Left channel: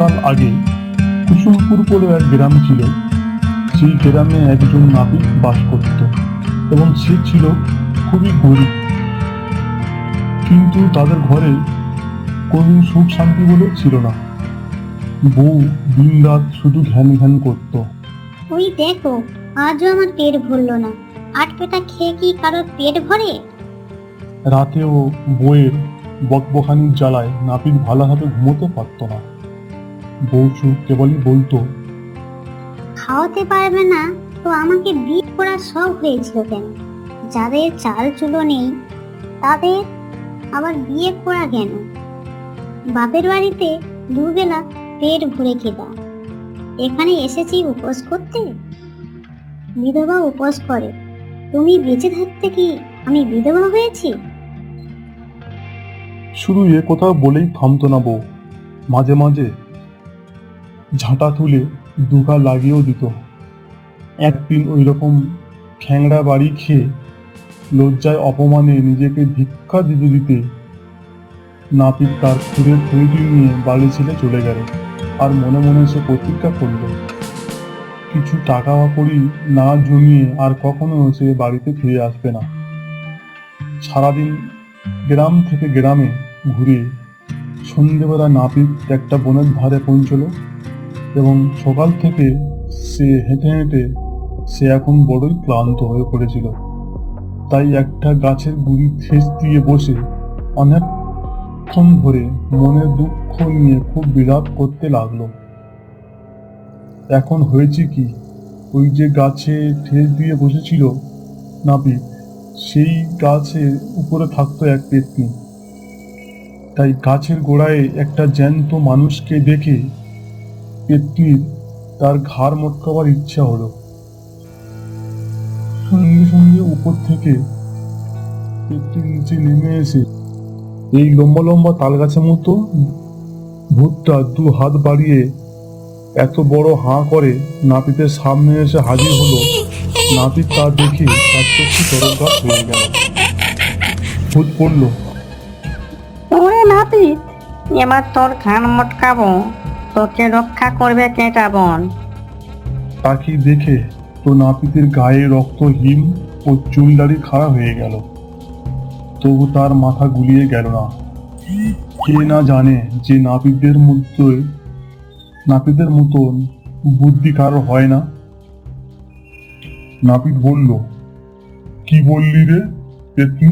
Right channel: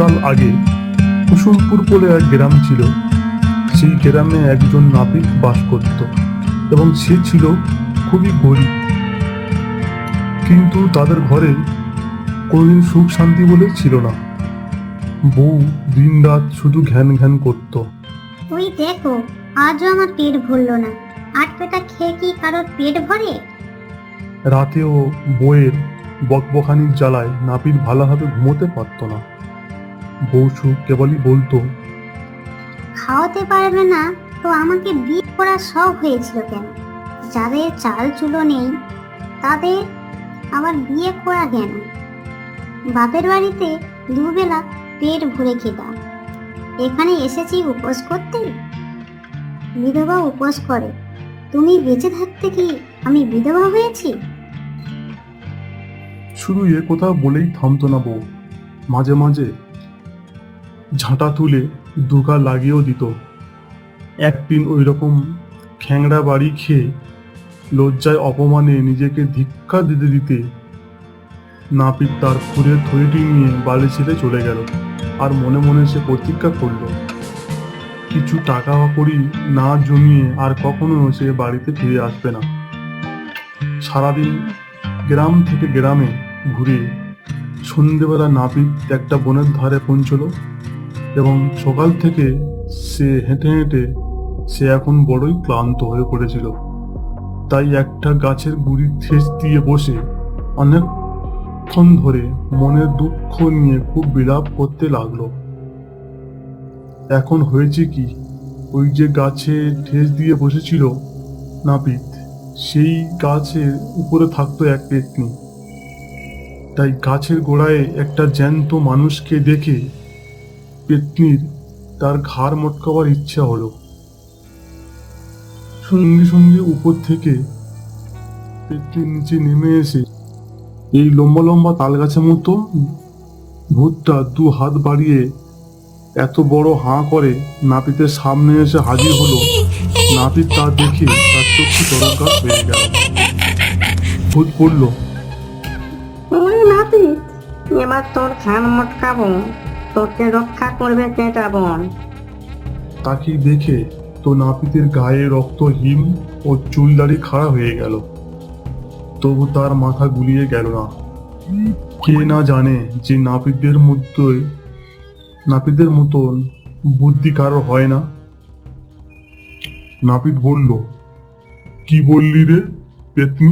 অনেককাল আগে কুসুমপুর বলে এক গ্রাম ছিল। সেই গ্রামে একজন নাপিত বাস করত এবং সে ছিল খুবই গরিব। কিন্তু তাদের ঘরে কোনোদিন সুখ শান্তি বলে ছিল না। বউ দিন রাত শুধু ঘ্যান ঘ্যান করত। ওই দেখো, আজও আমার পেট ভরলো না। আট পেটা খেয়ে কি কারোর পেট ভরে? রাতেও বউয়ের বকবকানির জ্বালায় নাপিত ভালোভাবে ঘুমোতে পারত না। বউ কেবলই বলতো, খাওয়াতে পারবে না তো আমাকে বিয়ে করার শখ হয়েছিল কেন? যাদের চাল চুলো নেই তাদের আবার বিয়ে করা কেন? বাপের বাড়িতে দুবেলা পেট ভরে খেতাম, এখানে এসেছি উপোস করতে। বিধবা উপোস করে, তুমি বেঁচে থাকতে কি আমি বিধবা হয়েছি? শুধু এ কথা বলেই থামতো না বউ। মাঝে মাঝে ঝাঁটা তুলে দুগা লাগিয়েও দিত। একদিন ওই রকম খ্যাংড়া বাড়ি খেয়ে লজ্জায় অপমানে নিজেকে ধিক্কা দিতে দিতে নাপিত তার খুঁড়ের থলিটি নিয়ে বাড়ি ছেড়ে চলে গেল। আর মনে মনে সে প্রতিজ্ঞা করল, কিছু টাকা কড়ি না জমিয়ে আর কখনো সে বাড়িতে ফিরে আসবে না। সারাদিন গ্রাম থেকে গ্রামে ঘুরে সন্ধেবেলা নাপিত একটা বনের ধারে পৌঁছলো এবং সকাল থেকে সে হেঁটে হেঁটে সে এখন বড়ই ক্লান্ত হয়ে পড়েছিল। তাই একটা গাছের গুড়ির ঠেস দিয়ে বসে অনেকক্ষণ ধরে মনের দুঃখ নিয়ে খুব বিলাপ করতে লাগলো। এখন হয়েছে কি, ওই যে গাছে ঠেস দিয়ে বসেছিল নাপিত, সেই গাছের উপরে থাকতো এক পেত্নী। তাই গাছের গোড়ায় একটা জ্যান্ত মানুষকে দেখে পেত্নীর তার ঘাড় মটকাবার ইচ্ছা হলো। সঙ্গে সঙ্গে উপর থেকে পেত্নীর নিচে নেমে এসে এই লম্বা লম্বা তাল গাছের মতো ভূতটা দু হাত বাড়িয়ে এত বড় হাঁ করে নাপিতের সামনে এসে হাজির হলো। নাপিত তা দেখে তার চক্ষু চমৎকার হয়ে গেল। ভূত বলল, ওরে নাপিত, এবার তোর কান মটকাবো, তোকে রক্ষা করবে কে বল? তাকে দেখে তো নাপিতের গায়ে রক্ত হিম ও চুল দাড়ি খাড়া হয়ে গেল। তবু তার মাথা গুলিয়ে গেল না। কে না জানে যে নাপিতের মতন বুদ্ধি কারো হয় না। নাপিত বলল, কি বললি রে পেতনি,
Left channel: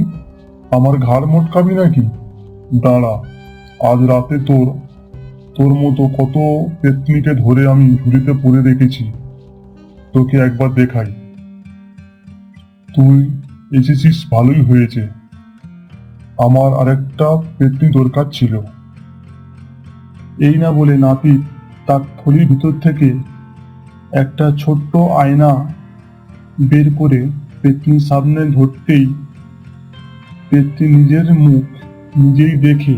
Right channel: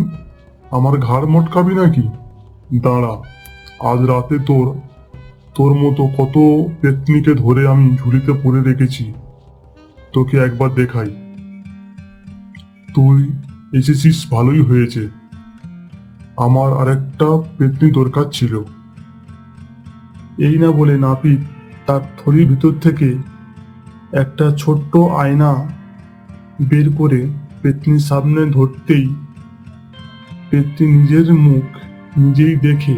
আমার ঘাড় মটকাবি নাকি? দাঁড়া, আজ রাতে তোর তোর মতো কত পেতনিকে ধরে আমি ঝুড়িতে পরে রেখেছি, তোকে একবার দেখাই। তুই এসেছিস ভালোই হয়েছে, আমার আরেকটা পেতনি দরকার ছিল। এই না বলে নাপিত তার থলির ভিতর থেকে একটা ছোট্ট আয়না বের করে পেতনির সামনে ধরতেই পেতনি নিজের মুখ নিজেই দেখে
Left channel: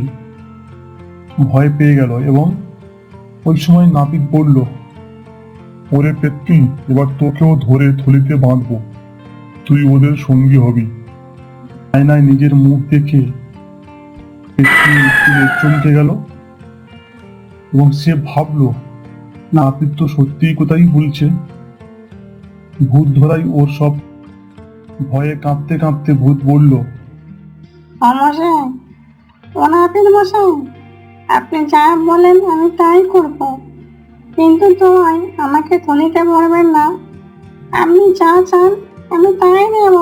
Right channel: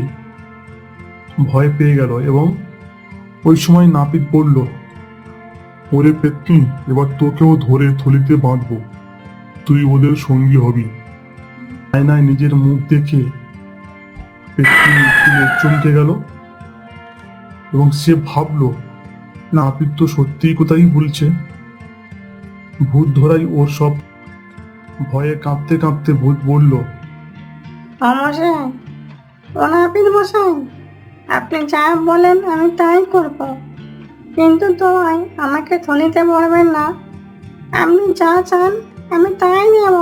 ভয় পেয়ে গেল। এবং ওই সময় নাপিত বলল, ওরে পেতনি, এবার তোকেও ধরে থলিতে বাঁধবো, তুই ওদের সঙ্গী হবি। আয়নায় নিজের মুখ দেখে পেতনি চমকে গেল এবং সে ভাবলো, নাপিত তো সত্যিই কোথায় বলছে। ভূত ধরাই ওর সব। ভয়ে কাঁপতে কাঁপতে ভূত বলল, মশাই, ও নাপিত মশাই, আপনি যা বলেন আমি তাই করবো, কিন্তু তাই আমাকে থলিতে মারবেন না। আপনি যা চান আমি তাই দেব।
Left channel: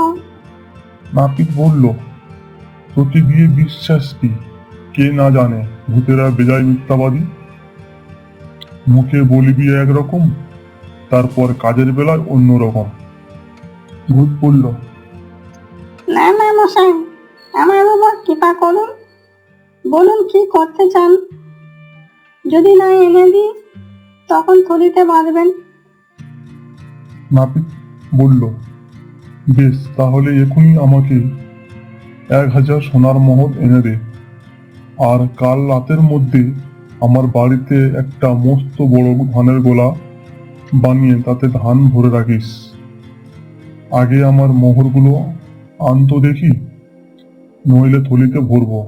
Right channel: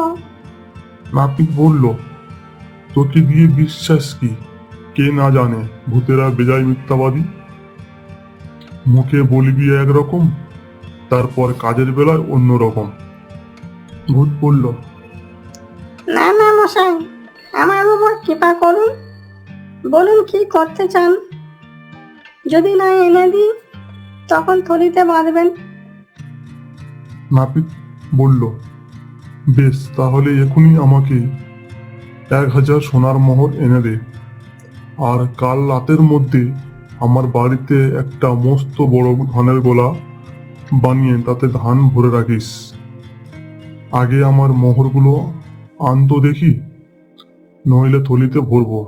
নাপিত বলল, তোকে দিয়ে বিশ্বাস কি? কে না জানে ভূতেরা বেজায় মিথ্যাবাদী। মুখে বলবি একরকম, তারপর কাজের বেলায় অন্য রকম। ভূত বলল, না না মশাই, আমার উপর কৃপা করুন, বলুন কি করতে চান। যদি না এনে দিই তখন থলিতে বাঁধবেন। নাপিত বলল, বেশ, তাহলে এখনই আমাকে 1000 সোনার মোহর এনে দে, আর কাল রাতের মধ্যে আমার বাড়িতে একটা মস্ত বড় ধানের গোলা বানিয়ে তাতে ধান ভরে রাখিস। আগে আমার মোহরগুলো আনতো দেখি, নইলে থলিতে ভরবো।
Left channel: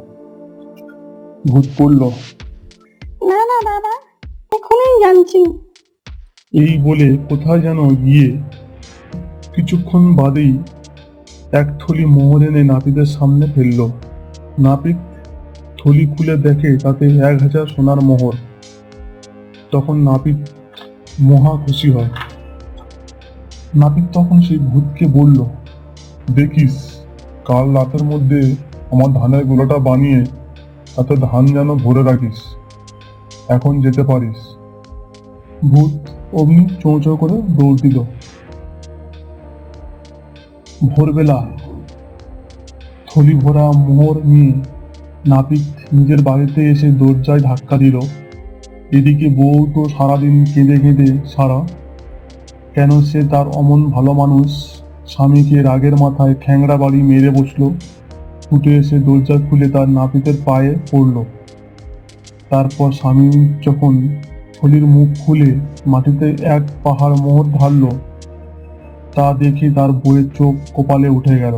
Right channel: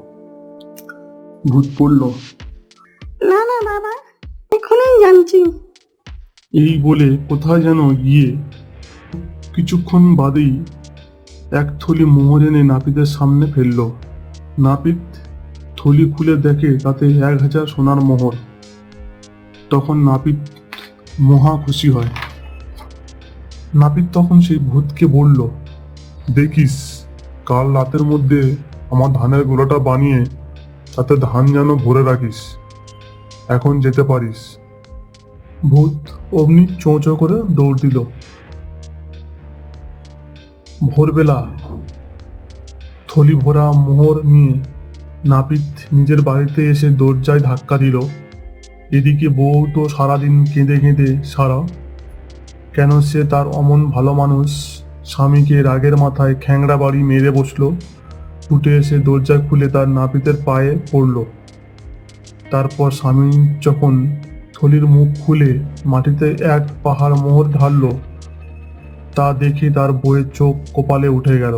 ভূত পড়ল, না না বাবা, এখনই জানছি। এই বলে কোথায় যেন গিয়ে কিছুক্ষণ বাদেই এক থলি মোহর এনে নাপিতের সামনে ফেললো। নাপিত থলি খুলে দেখে তাতে 1000 সোনার মোহর। তখন নাপিত মহা খুশি হয়। নাপিত তখন সেই ভূতকে বলল, দেখিস কাল রাতের মধ্যে আমার ধানের গোলাটা বানিয়ে তাতে ধান যেন ভরে রাখিস, এখন যেতে পারিস। ভূত অমনি চোঁ চোঁ করে দৌড় দিল। ভোরবেলা থলি ভরা মোহর নিয়ে নাপিত নিজের বাড়িতে এসে দরজায় ধাক্কা দিল। এদিকে বউ তো সারাদিন কেঁদে কেঁদে সারা। কেন সে তার অমন ভালো মানুষ স্বামীকে রাগের মাথায় খ্যাংড়া বাড়ি মেরে বসলো। উঠে এসে দরজা খুলে তার নাপিতের পায়ে পড়ল। তারপর স্বামী যখন থলির মুখ খুলে মাটিতে এক পাহাড় মোহর ঢালল, তা দেখে তার বউয়ের চোখ কপালে উঠে গেল।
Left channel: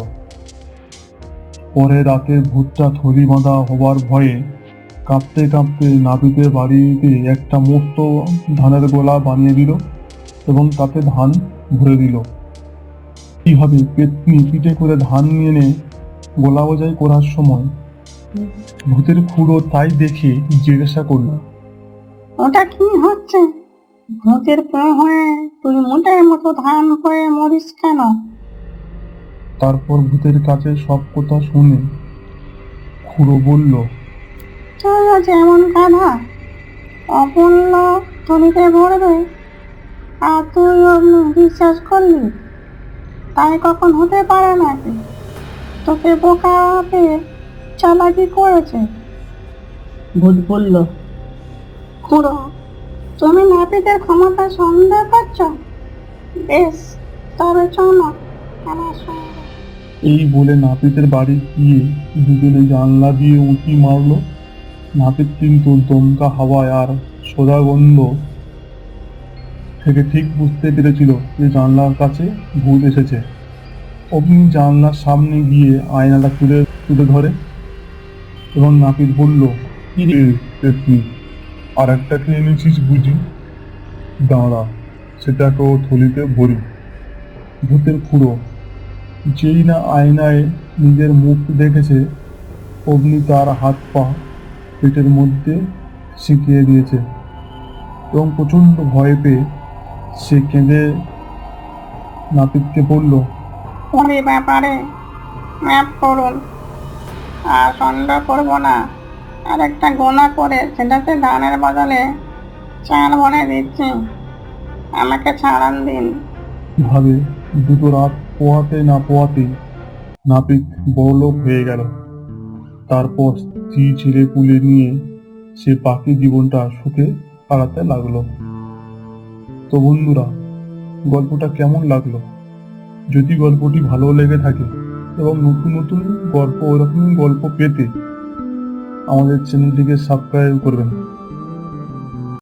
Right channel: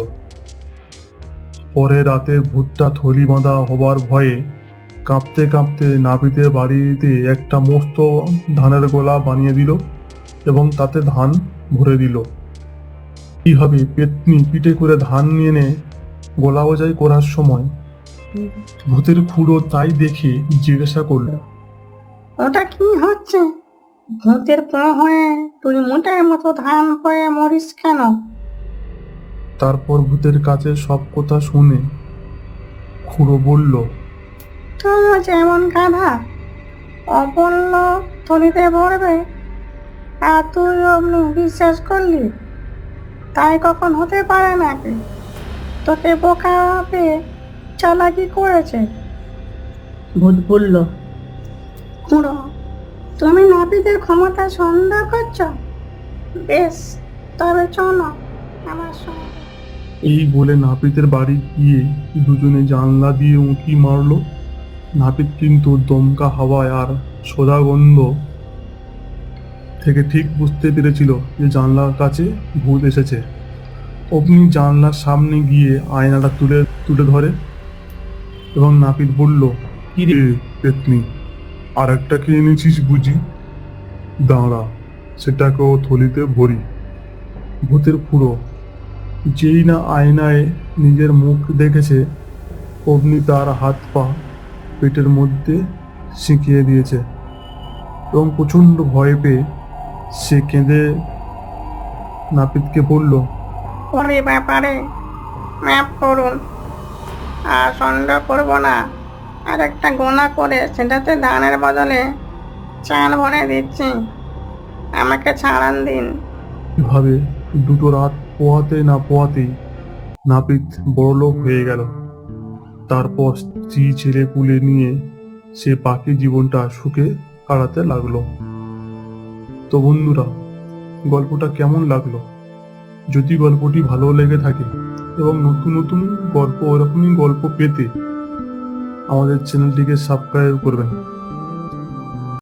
পরে রাতে ভূতটা থলি বাঁধা হবার ভয়ে কাঁপতে কাঁপতে নাপিতের বাড়িতে একটা মস্ত ধানের গোলা বানিয়ে দিল এবং তাতে ধান ভরে দিল। এইভাবে পেতনি পিঠে করে ধান নিয়ে এনে গোলা বোঝাই করার সময় ভূতের খুঁড়ো তাই দেখে জিজ্ঞাসা করলো, ওটা কি হচ্ছে? ভূতের পা হয়ে তুই মোটার মতো ধান হয়ে মরিস কেন? তারপর ভূতের কাছে সব কথা শুনে খুড়ো বলল, তুইও যেমন গাধা, অবল্ল থলিতে ভরবে আর তুই অমনি বিশ্বাস করলি? তাই কখন হতে পারে নাকি? তোকে বোকা পেয়ে চালাকি করেছে। ভূত বলল, খুড়ো, তুমি নাপিতের ক্ষমতা সন্দেহ করছো? বেশ, তবে চলো আমার সঙ্গে। এই বলে নাপিতের বাড়ি গিয়ে দুজনে জানলা দিয়ে উঁকি মারলো। নাপিত কিন্তু দমকা হাওয়ায় আর সোজা গন্ধ থেকে ঠিক বুঝতে পেরেছিল যে জানলার কাছে ভূত এসেছে। অমনি জানলার সামনে গিয়ে আয়নাটা তুলে তুলে ধরে এবং নাপিত বলল, কি রে পেতনি, আর একটা কি এনেছিস বুঝি? দাঁড়া, সেটাকেও থলিতে ভরি। ভূতের খুঁড়ো যেই না আয়নায় নিজের মুখ দেখেছে অমনি তার হাত পা পেটের মধ্যে শিখিয়ে দিয়েছে এবং প্রচন্ড ভয় পেয়ে সে কেঁদে নাপিতকে বলল, ওরে ব্যাপারে ম্যাপ করুন, আর সন্দেহ করবো না। আর একটা গোনা করে সেটাতে ধানের বদলে চাল ভরে দিচ্ছি, আমাকে ছাড়ান দিন। এভাবে দুটো রাত পোহাতে না পোহাতে নাপিত বড়লোক হয়ে গেল। তারপর স্ত্রী ছেলে পুলে নিয়ে সে বাকি জীবনটা সুখে কাটাতে লাগলো। তো বন্ধুরা, গল্পটা কেমন লাগলো? যদি গল্পটি ভালো লেগে থাকে এবং নতুন নতুন গল্প ওরকমই গল্প পেতে আমাদের চ্যানেলটিকে সাবস্ক্রাইব করবেন।